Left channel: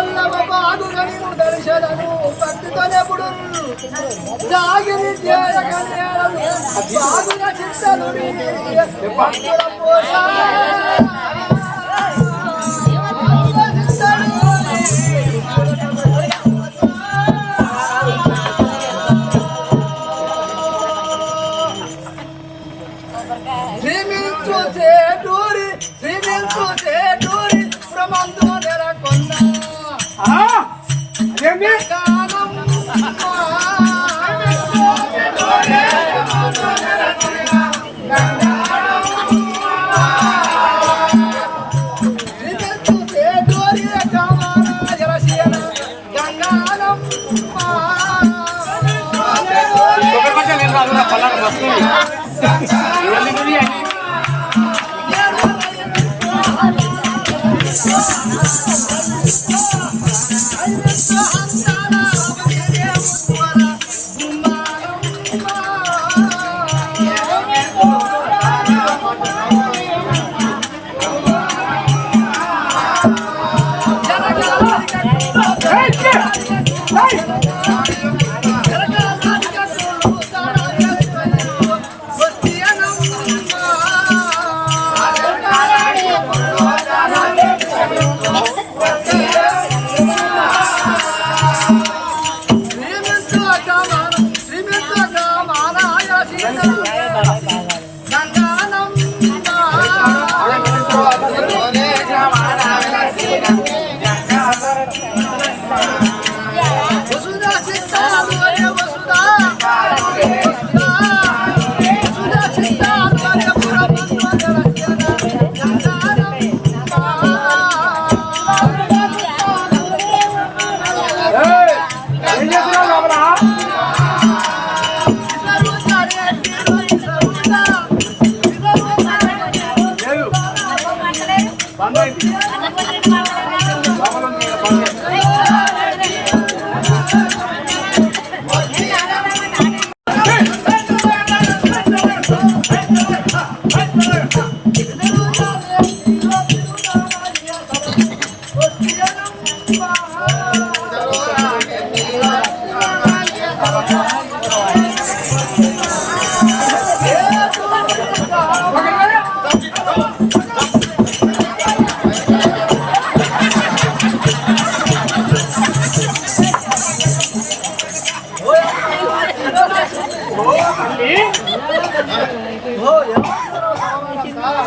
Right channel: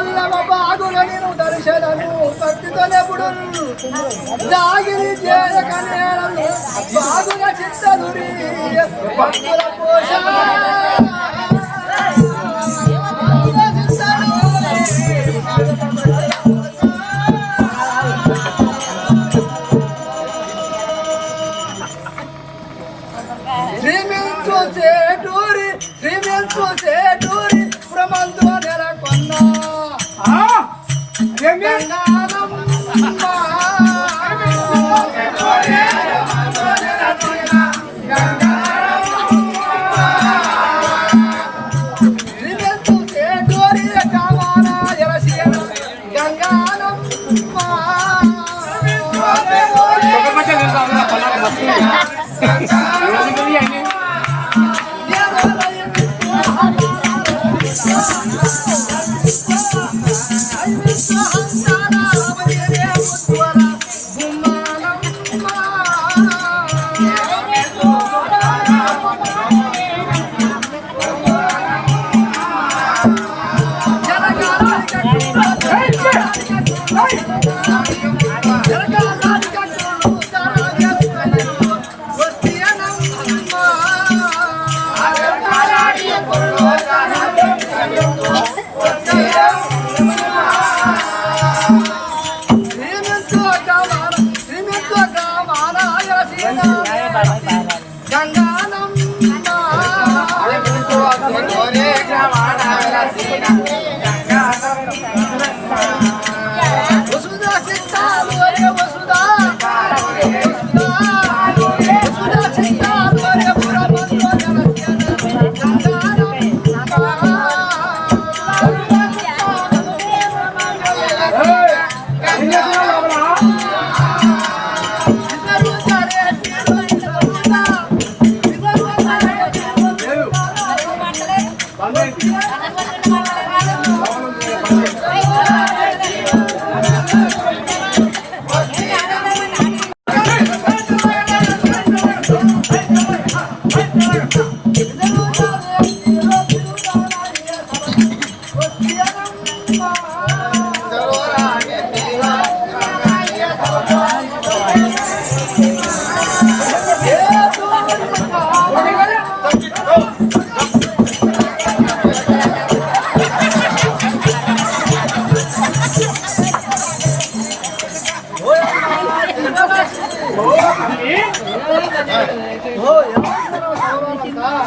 మల్లవ బాగుగా నేను దర్శనను భక్తితోనెప్పుడు జాగిని చేయకనేలను బాగుగా చిత్తలుడి భక్తుల పోష శ్రీమించు సేటూరి ప్రమంతో నెలకొన్న శ్రీమించు సేటూరి కామాన ఎలసీన గంగానమ్మ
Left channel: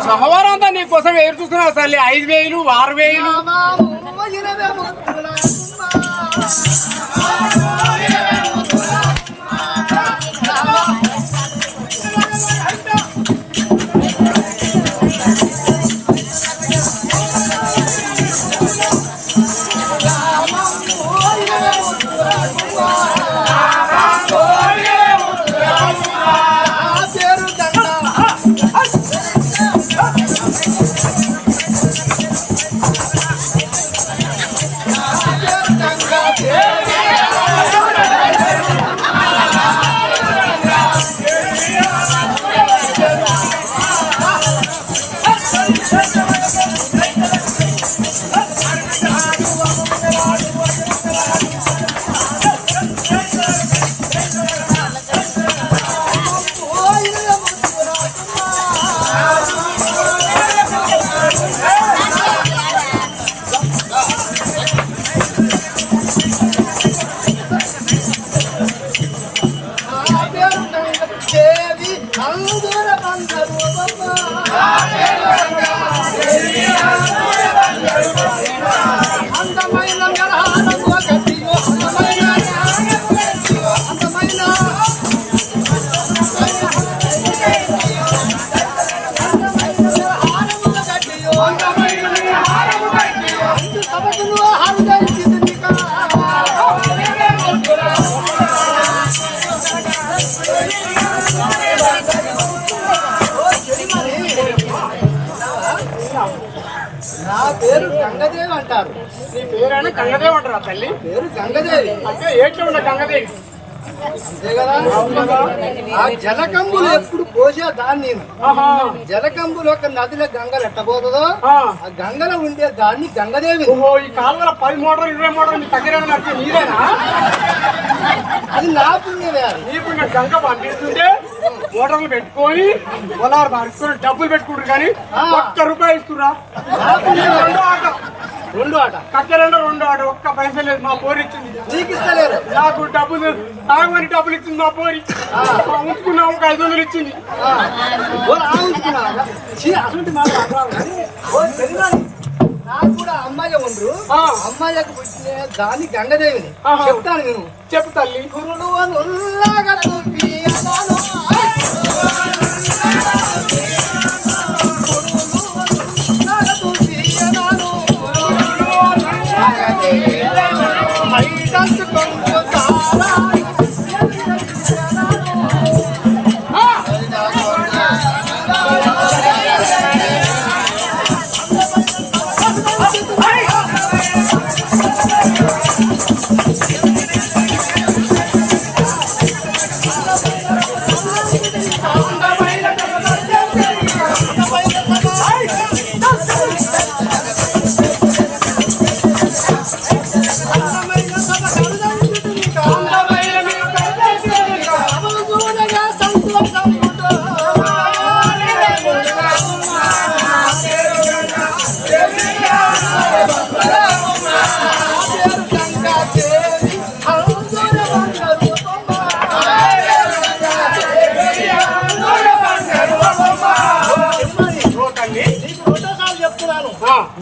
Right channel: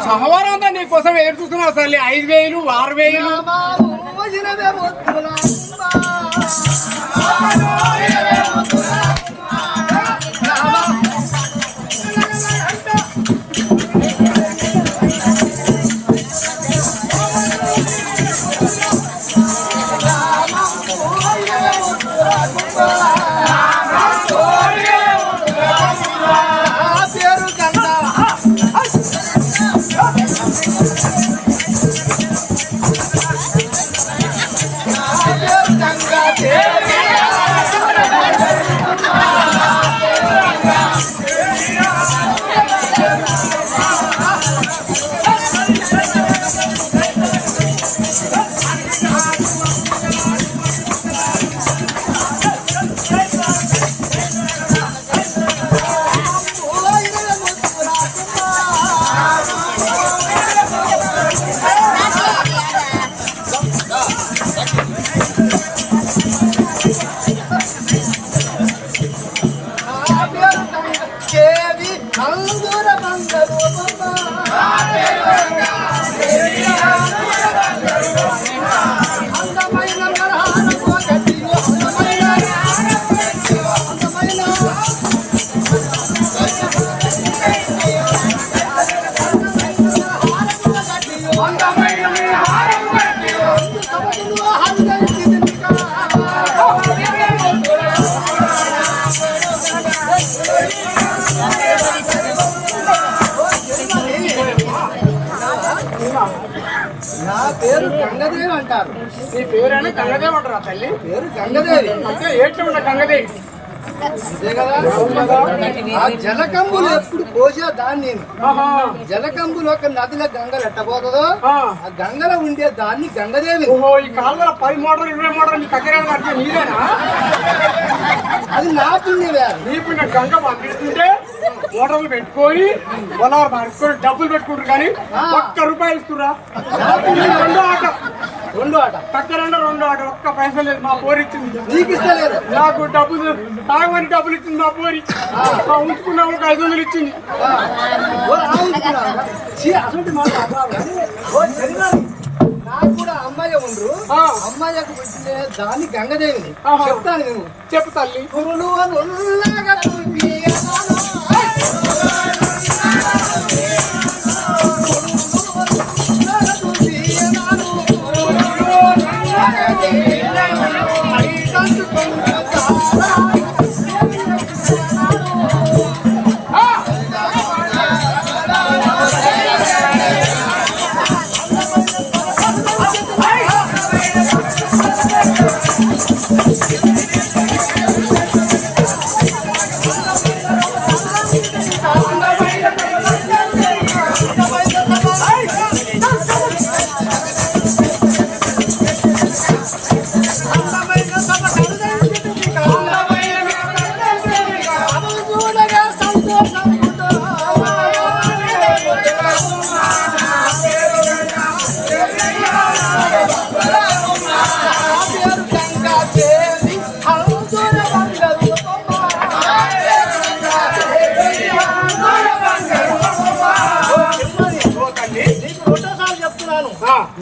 సహవారం అంతా నీ కోసం ఎదురు చూస్తున్నావు అసలు 5,000 6,000 నా పేరు గంగదేవి అంటారు. నీ పేరైనా గంగదేవి అంటారా తల్లి? పేరు గంగదేవి అంటే ఏట్లో ఉన్న గంగదేవి అంతే కదా. అవును కదా. ఆ జలకంబులు ఎప్పుడు పోసే దాన్ని నేను ఆహా. జలకంబులు ఒక నదిలో గంగలు ఎట్టబోతుందో ఆ. ఆ గంగలో ఉండే దాన్ని గంగదేవి. ఓహో, ఈ కాలువల 10 మోటార్లు 20 మోటార్లు మీ దగ్గర నడిచే నీదేనా? అది నా పుణ్యమే. అది నీ పుణ్యం. గంగ పంపిస్తుంటే మోటార్లు పెట్టుకొని పొలాలు పరుచుకొని డబ్బులు పెట్టుకుంటారు కానీ ₹1 ఇస్తురా. నా పుణ్యం. రెండో ఆట కక్కరంలో రెండో ఆట. ఒక్క పైసా లేదు. మా పోరి ఇచ్చింది. నీకు ఇస్తలేదు. నాకు డబ్బులు తాగమని డబ్బులు ఇచ్చింది మా పోరి. ఉంచుకున్నాము, ఒక 500 ఇచ్చింది. అటువంటి మాట నాకు కూడా అమ్మాయి ఉండరు. అమ్మాయికి పుట్టిన దాన్ని గంగదేవిని చెప్తాను నేను. చెప్పు తల్లి. కురులు అని ఉల్లాగా చూపియను.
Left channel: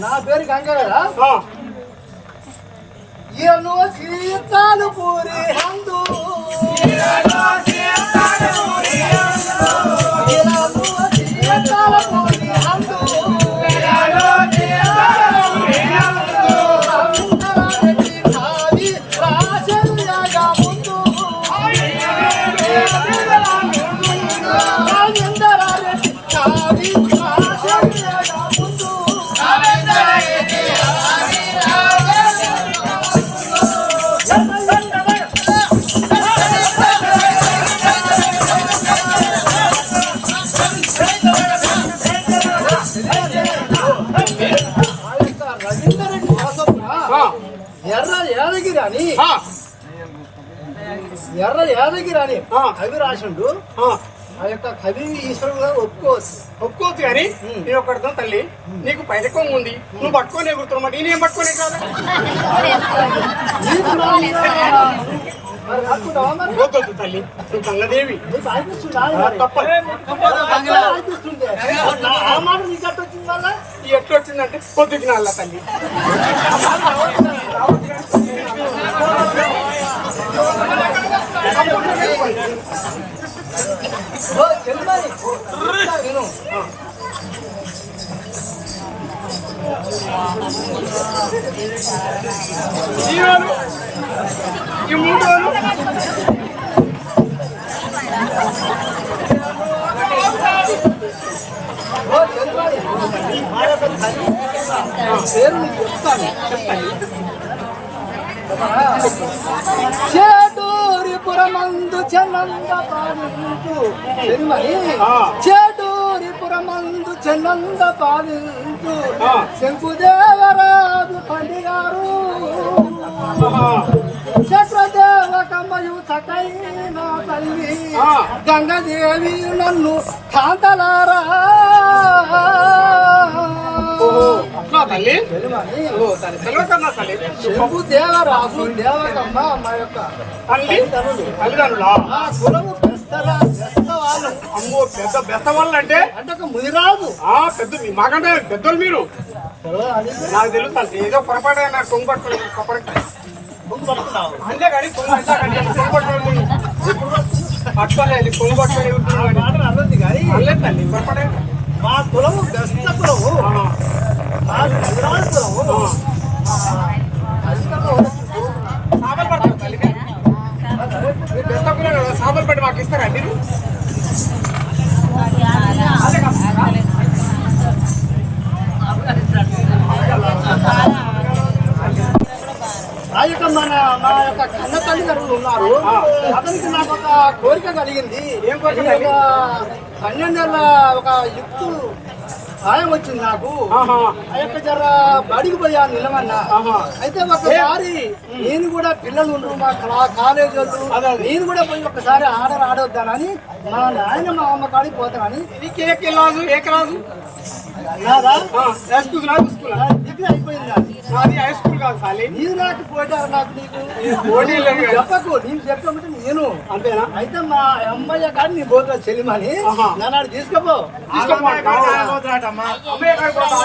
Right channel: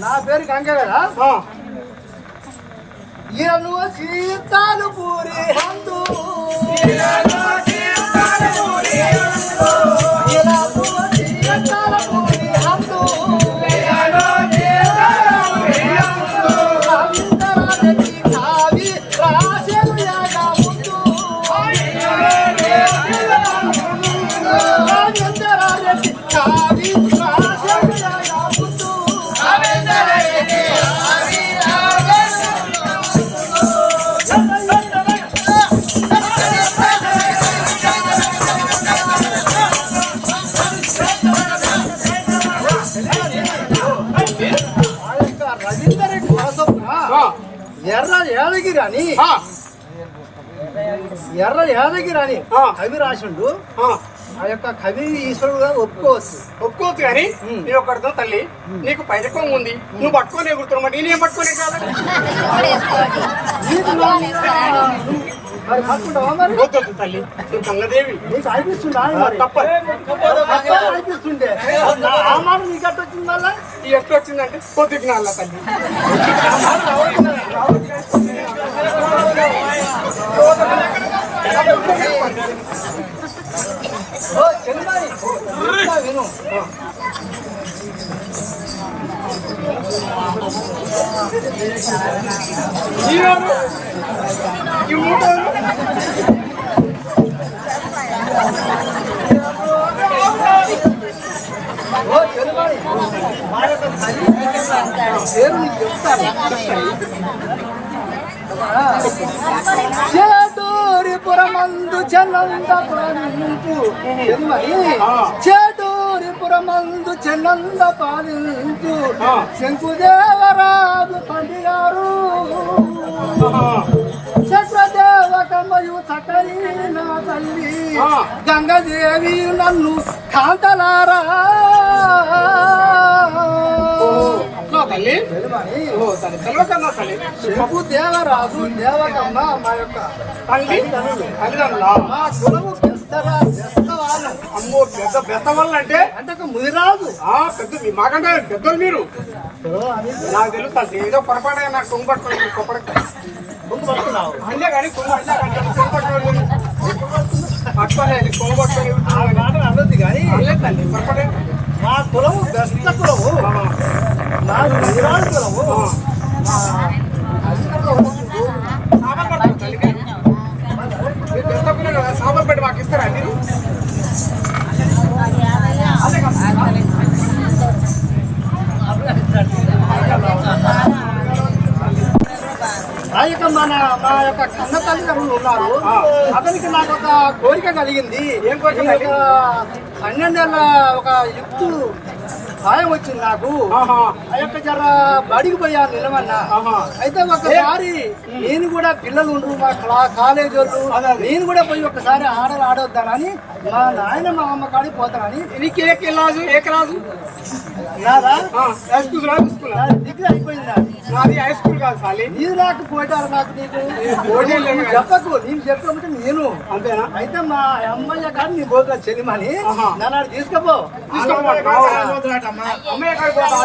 నా పేరు గంగ కదా. ఎను సీతాలు పూరి హందు సీతాల పూరి హందు ఖావి రాసెను యాగా ముందు రాజేంద్రారెడ్డి ఖావి రాసెను యాగా ముందు రవీందర్ రెడ్డి సరసప్పున ఎర్ర యాదగిరి అని కవి రాసిండు. ఆ యొక్క కవి ఈశ్వరుడు గారు ఒప్పుకోవచ్చు కానీ నేను ఒకటితో తల్లి, నీకు పైదకం ఉంది, నువ్వు పట్టుకొని ఎగురుతున్నమాట. నేనేం పట్టుకునే కాదు. మరి పట్టుకుంటావా? మరి వద్దొద్దు తల్లి, నువ్వు గంగదేవి. నీకు అనిపిస్తుందా? తప్పదు అనిపిస్తుంటే ఆ మాట నీకు అట్ట వచ్చింది. మళ్ళా ఎట్లా వచ్చిందంటే పొద్దుకి నాళ్ళ తల్లి. ఆ మాట చెల్లిమని చెప్తా విను. ఈ మూడు చెల్లిమని మా యొక్క తల్లి పేరు నీకు చెప్తాను. చేటూరిపురమందు చెన్నంద పాలించు చెల్మని, చేటూరిపురమందు చెన్నంద పాలించు శంకుదేవరాజు తండ్రి గారు చక్రదేవకమ్మయు సకైన తల్లి గంగదేవి నన్ను కాంతలారా. తల్లి శంకు దేవరాజు దేవకమ్మ మా యొక్క తల్లిదండ్రులా? మా కులము బెస్తవాళ్ళం. అమ్మో, పెద్ద బెస్త వాళ్ళు అంటే ముదిరాజు. పెద్ద మాకంటే పెద్దోళ్ళు మీరు. నాకు తెలుసు ఏదో పొరపాటు నాకు కొంగు పట్టుకోవాలి. కొంగు పట్టుకున్నావు అంటే కానీ కొంగు కొంగు పట్టుకోవాలి. ఎప్పుడు పట్టుకోలేదు. కొంగు పట్టుకోవాలి మాట అన్నది కానీ అనలేదు తల్లి, పొరపాటు. మా కులము బెస్త కులము, నాది ముదిరాజు కులము. మా అధికంలో సాబలు పడతారు తల్లికి. మీరు బెస్త కులం కదా, సాబలు పెట్టి మాకు ఇస్తారా అండి? అదే కాదు ఆ యొక్క మా యొక్క కన్న తల్లిదండ్రులు ఉన్నారు. అతనికి నాకు ఒక కోరిక కలిగింది. ఏం కోరిక? 12 నెలల ఒక యుక్తు సాయం వచ్చింది నాకు. ఆ యొక్క జర బడికి పోయాను నిలవన్నా. అయితే ఒకసారి నేను కూడా పిల్లలు ఉండరు మా కాలేజీ వాళ్ళు, నేను కూడా పోయి ఒకసారి ఆడొద్దానని మా నాయన మా అమ్మ కాడికి పోతానని. నీకు ఏ క్లాసు నాదా డిగ్రీ అయిపోయింది. నాది హై స్కూల్ కాదు సాలి. నీవు నాకు పోటారు నాకు నీకు చెప్పకు. నేను చెప్పకపోతే నేను అంతేనా? అయితే మా అమ్మయ్య కాదు నీ పోతా చెల్లిమని నన్ను తీసుకపో. అమ్మయ్య కాడికి పోతా.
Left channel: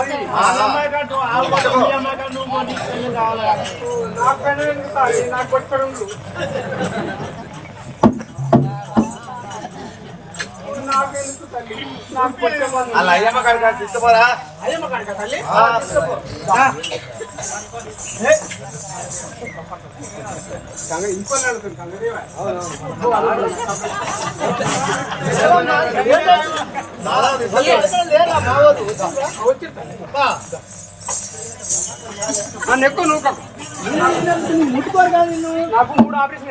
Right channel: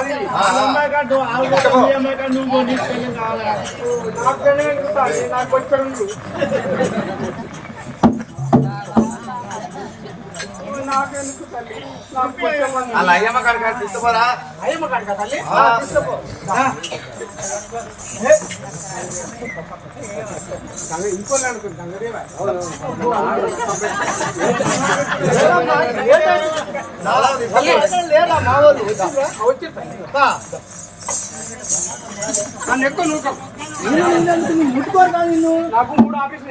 అది నాకు పట్టుకోండు. నాకెందుకు తల్లి? నాకు అలా అయ్యమ్మ కాడికి తీసుకోరా. అయ్యమ్మ కాడికా తల్లి? ఇంకో అనుకుంది కంగదేవా లేరా మా వాళ్ళు వచ్చి నన్ను ఎక్కువ నువ్వు ముట్టుకోరు కాదు నిన్ను. నాకు 3 ఆపరేషన్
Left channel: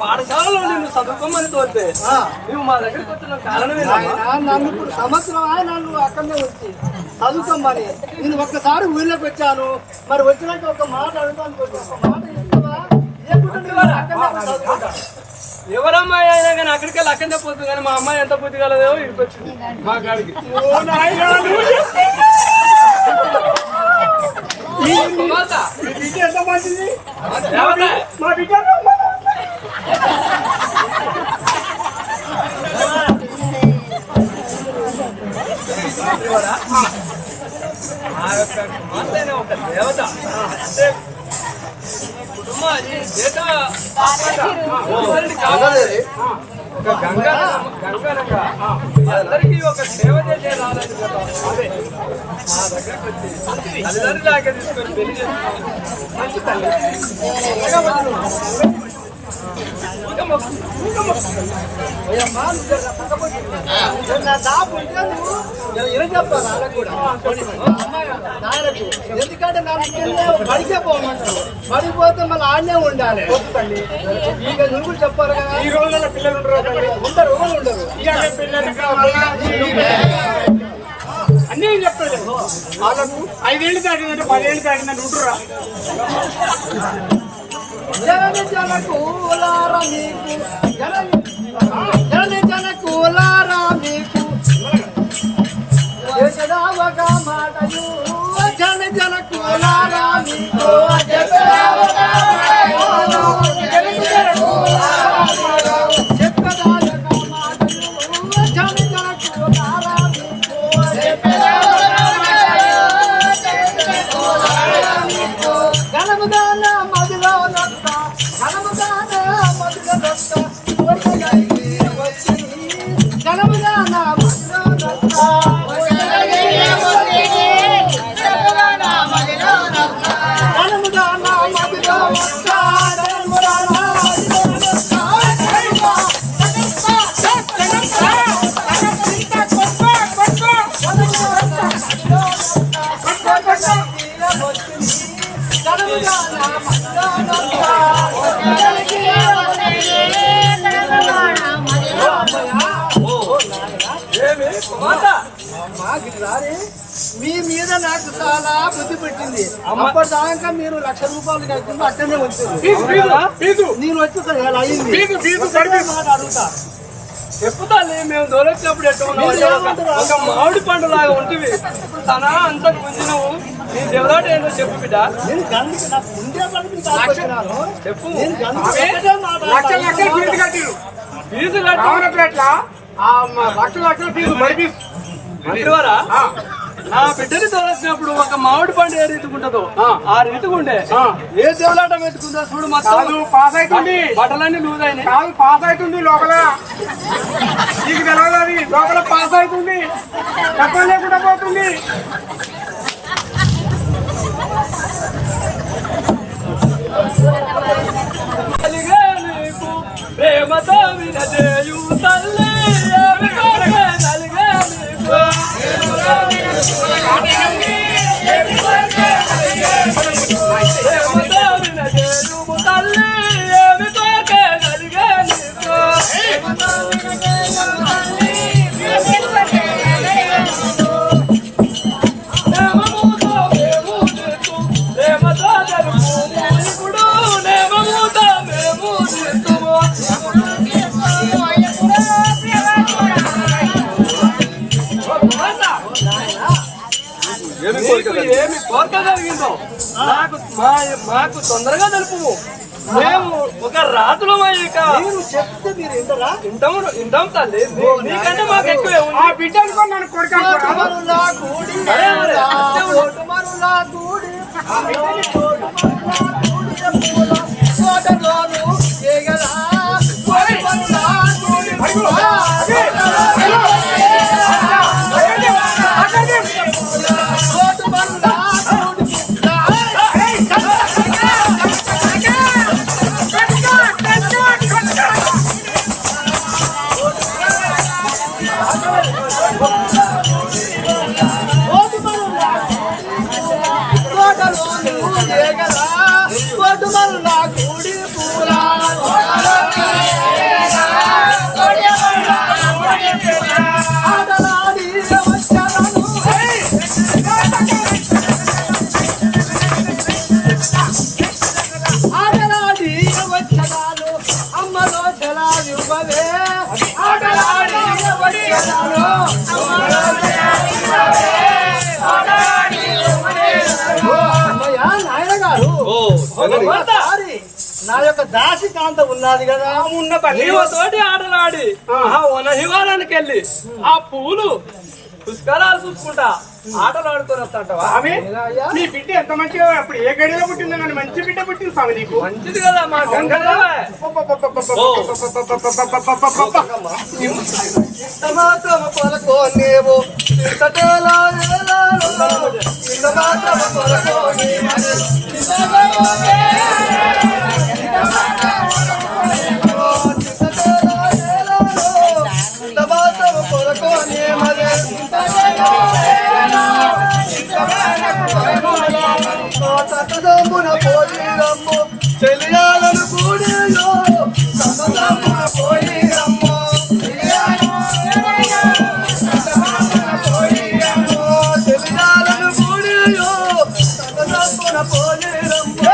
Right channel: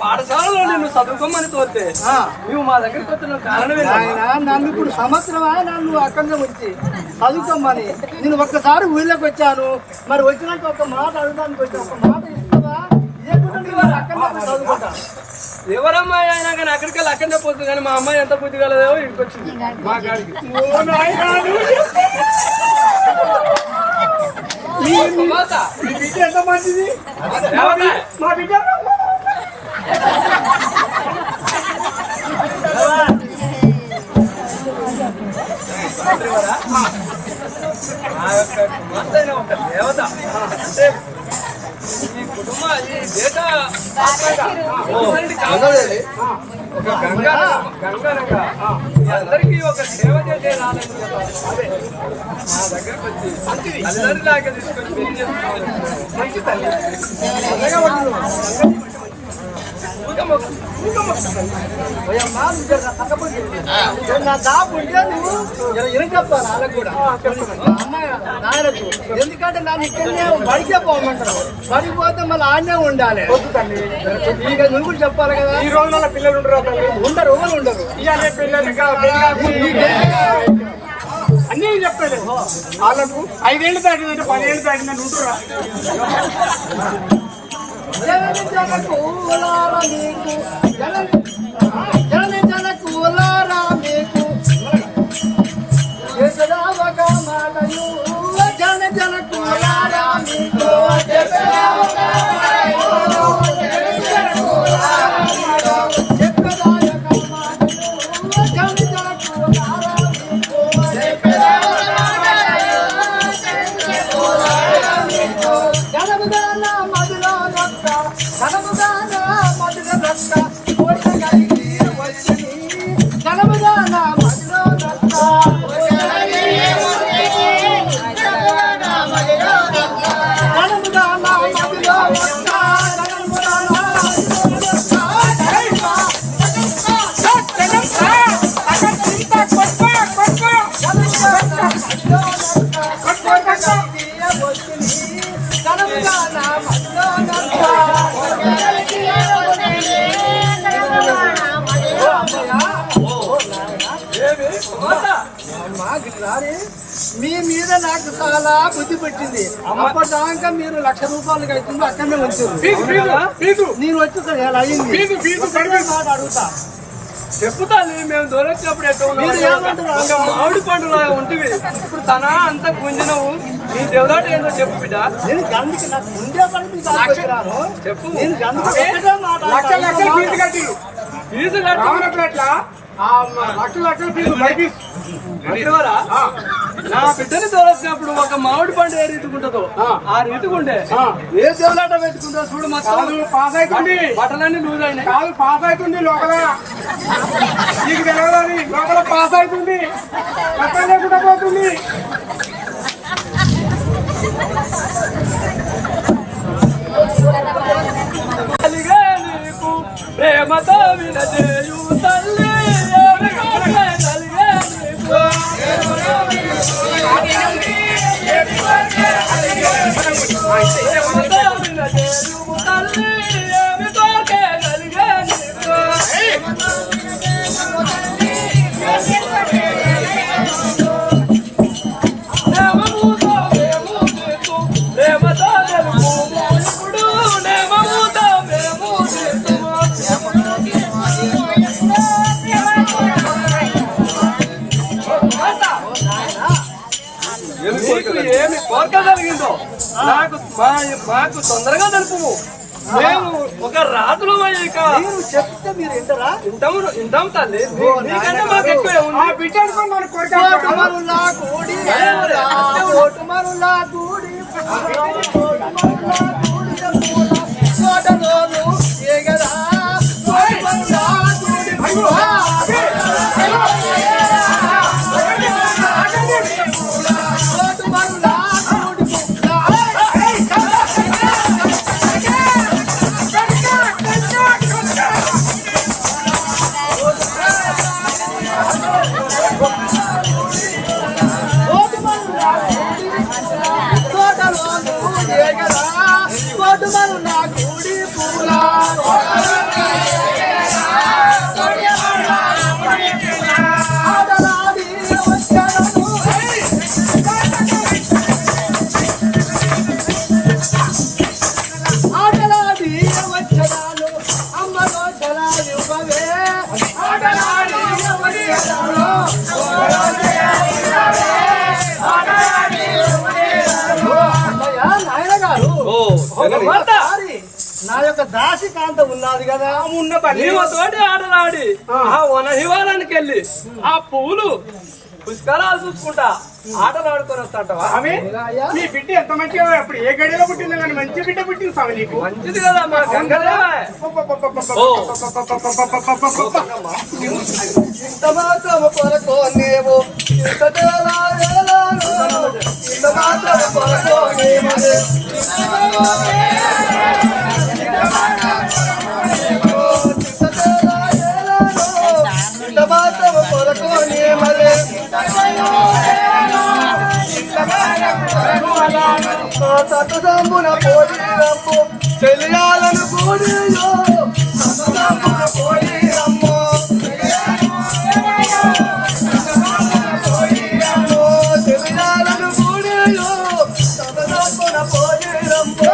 పాఠశాలలో నిన్ను చదువుకోమని తోలితే నువ్వు మా దగ్గరికి వచ్చిన కారణమే నన్ను ఇప్పుడు సంవత్సరం నన్ను అక్కడనే వచ్చి చదువుకోమని నేను ఒక్కసారి ఊళ్ళోకి వచ్చాను. మరి వచ్చినాక ఒక మాట అడగడానికి వచ్చి ఒక మాట ఇస్తావా? అక్కడనే చదువుకుంటా. ఎవరమ్మాయి అయినా కానీ అక్కడికి వెళ్ళి అక్కడనే పోతుంది. కానీ మా అమ్మాయి ఎంత బుద్ధి కలదో ఇక్కడికి వచ్చింది మా గాడికి. ఎంత మంచిది మా బిడ్డ. మా యొక్క కుమార్తె అయిన ఒక దేవత అంటే ఈ కుటుంబ ఈ దేశ ఆత్మగా కావాలి. ఒక గంగానంగా అందరికీ ఒక సేవ చేసే రాలేదు కదా. అదే మా దగ్గరికి వచ్చి తల్లిదండ్రులాగా తీసుకొని పెళ్లి చేస్తున్నాం. మంచి తల్లి నా దాపు ఉంటే నువ్వు ఎన చెప్తాను వాళ్ళకు కూడా నాయనకు. ఎందుకంటే నన్ను ఇక్కడనే బడికే పోమంటారు. బడికి పోతే మళ్ళీ ఆడనే ఉండాలి. ఇక నువ్వు కూడా చెప్పాలి కదా. ఈ రోజుల పిల్లలు ఉండరు ఎవరు ఉండరు. ఇవాళ పిల్లలు అన్నీ చెప్తాడు. వాళ్ళకు 5 ఏళ్ళు దాటిందంటే 10 ఏళ్ళు దాటిందని ఉంటురా. జనకూలారా మీకు జనకూలారా మీకు ఒక మాటలు జనకూలారా మీకు మీ మీద నాకు చాలా బుద్ధి పెట్టింది. అప్పటిదాకా మీరు 1,00,000 రూపాయలు కట్టింది అక్కడనే ఉంచారు. నేను వచ్చి ఎలా అయింది మాట అడుగుతా. చెప్పుతాను. మేము దూరొచ్చినప్పుడు ఎట్లా ఉన్నావు? ఒక మామిడి పండు లాగా ఉంటుంది. ఇప్పుడు తన అంత గుంజినవు. నీ దేవులాట ఏందో చెప్పు బిడ్డ. నేను గండికి నాకు ముందే పడి చెప్పు. నేను ఫీజు కట్టిరు. ఫీజు కట్టి లక్షలు ఫీజు బైపీస్ మంత్రివారా నా బిడ్డని తోలొచ్చినప్పుడు ఒక మామిడి పండు ఏ రీతికుంటుందో ఆ రీతికుండే ఏ దేవులాట పెట్టుకుందో చూడు. మొత్తం పాస్ అవుతుంది. బట్టలన్నీ లూజ్ అయినాయి. కాదు పాస్ అవుతుంది. లోపల నీకు తెలియదు. అది లోపల పాస్ అవుతుంది. కష్టం లేకుండా పోతుంది. ప్రేమతో వినజేయు తల్లి ఏమి కోరికే కలిగే నీకు ప్రేమతో వినజేయు తల్లి ఏమి కోరికే కలిగే నీకు ప్రేమతో తెలుపు ఇప్పుడు నేమముతో మేము చేస్తుము నీకు ఏమి కోరిక కలిగిందో మాకు తొందరగా తెలుపు మేము ఒక రాజులమయ్యాక నేను చెప్తే మీరు వింటారా? ఇంటాం తల్లి నీకంటే మాకు ఎక్కువే ఉంది ఆ బిడ్డ అనుకోని నన్ను కోరిక కోటుమరులా కూడి కోటుమరులా కూడి కోటుమరులా కూడి పూల కోటలోను ఏగదా కోటుమరులా కూడి పూల కోటుమరులా కూడి కోటలోను ఏగదా కోటుమరులా కూడి పూల ఆడలాడి వచ్చాను ఆడలాడి వచ్చాను అమ్మలో జలాలు బవే ఆడలాడి వచ్చాను అమ్మయ్య నాయన గారు ఒకసారి నా యొక్క దాసికాంత ఉన్నది కదా ఉన్న పని నీవు తోటి ఆటలాడి ఆ వనహివారానికి వెళ్ళి ఆ పువ్వులు పుష్కరాలు చూసుకుంటా ఆటలు ఆడుకొని వస్తాంటవా స్వామి మీ బిడ్డ ఎంత మంచిగా అప్పుడు ఏ గడిలో పుట్టిందో కానీ మంచి బిడ్డ పుట్టింది స్వామి నీకు మంచిది కదా మా గంగదేవా ఇంత మాత్రం కొరకు నీవు ఇంతటేలా ఇంత మాత్రం కొరకు నీవు ఇంత మాత్రం కొరకు నీమలే తట్టుదమ్మున పోయిరమ్ము తెలియాలను కూడియో తట్టుదమ్మున పోయిరమ్ము తెలియాలను కూడియో తట్టుదమ్మున పోయిరమ్ము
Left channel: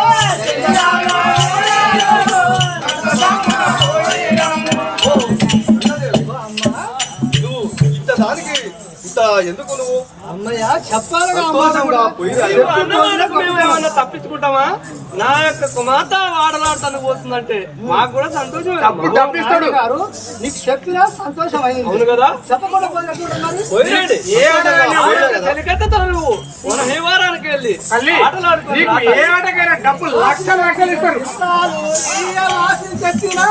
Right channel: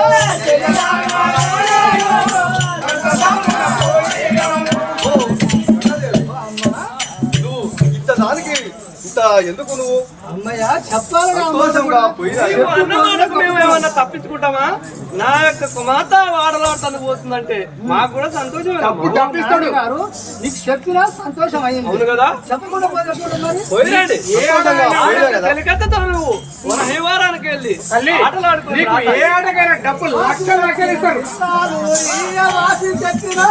దానికి ఇంత ఎందుకు నువ్వు అమ్మయ్య చెప్పాలిగా సంతోషంగా పోయిరా అన్నమాటకు మేము ఏమన్నా తప్పించుకుంటామా నా యొక్క కుమార్తె ఆడలాడతానికి పోతుందంటే మాకు కూడా సంతోషమే నాయుడు గారు నీకు చెప్పినా సంతోషం అయింది అవును కదా చెప్పకుండా పోయినప్పుడు మరి పోయిరండి ఏ ఆటగా పోయిరా కదా కలికత్తా నువ్వు మన హేవారానికి వెళ్ళి తల్లి ఆటలాడుకొని నీకు ఏ ఆటకైనా డబ్బులు లక్షలు లక్షలు ఇస్తారు తాలూరియ వాసి తెచ్చినా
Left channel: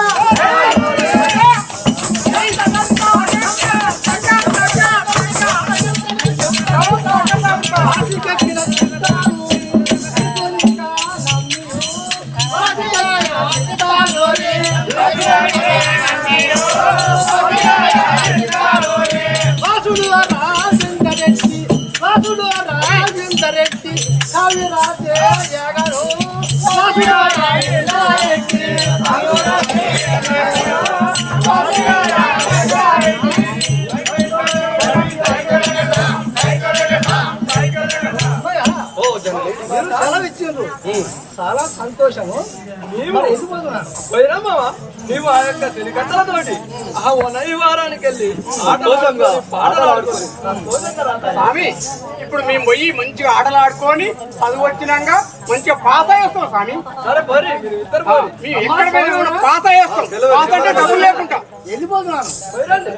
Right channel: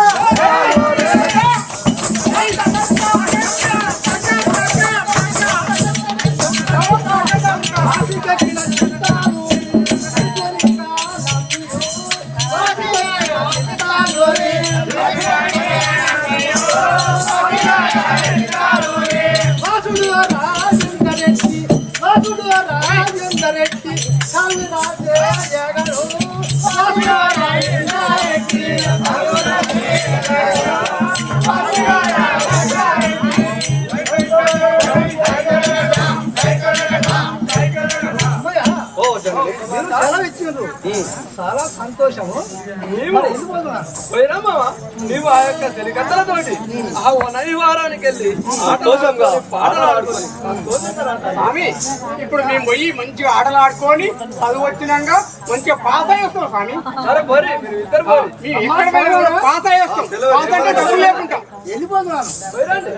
వాసి తెచ్చిన చిత్తాలు వాసుడు రాజేందరెడ్డి వాసుడు రాజేందరెడ్డి కవి రాజే జగరు వాసుడు రాజేందరెడ్డి సెలవు ఇచ్చిండ్రు చాలా సంతోషము నీవు పోయిరా మావా నీవు ఆ యొక్క తెలికత్తలతోటి ఆ వనవిహారానికి వెళ్ళి పాటలు ఆడుకొని సంతోషంగా రాతాలి. స్వామి ఇప్పుడు మేము పోయి మంచిగా ఆటలు ఆడుకొని చదువు వచ్చినాక మంచిగా పాస్ అయ్యేస్తాం స్వామి సరే పోరి మీరు ఇద్దరు పోరి మేము ఎక్కడ పోయినా కూడా పాస్ అయ్యేస్తాం పాస్ అంటే డబ్బులు లేకుండా వెళ్ళిపోతున్నాను పోయిరండి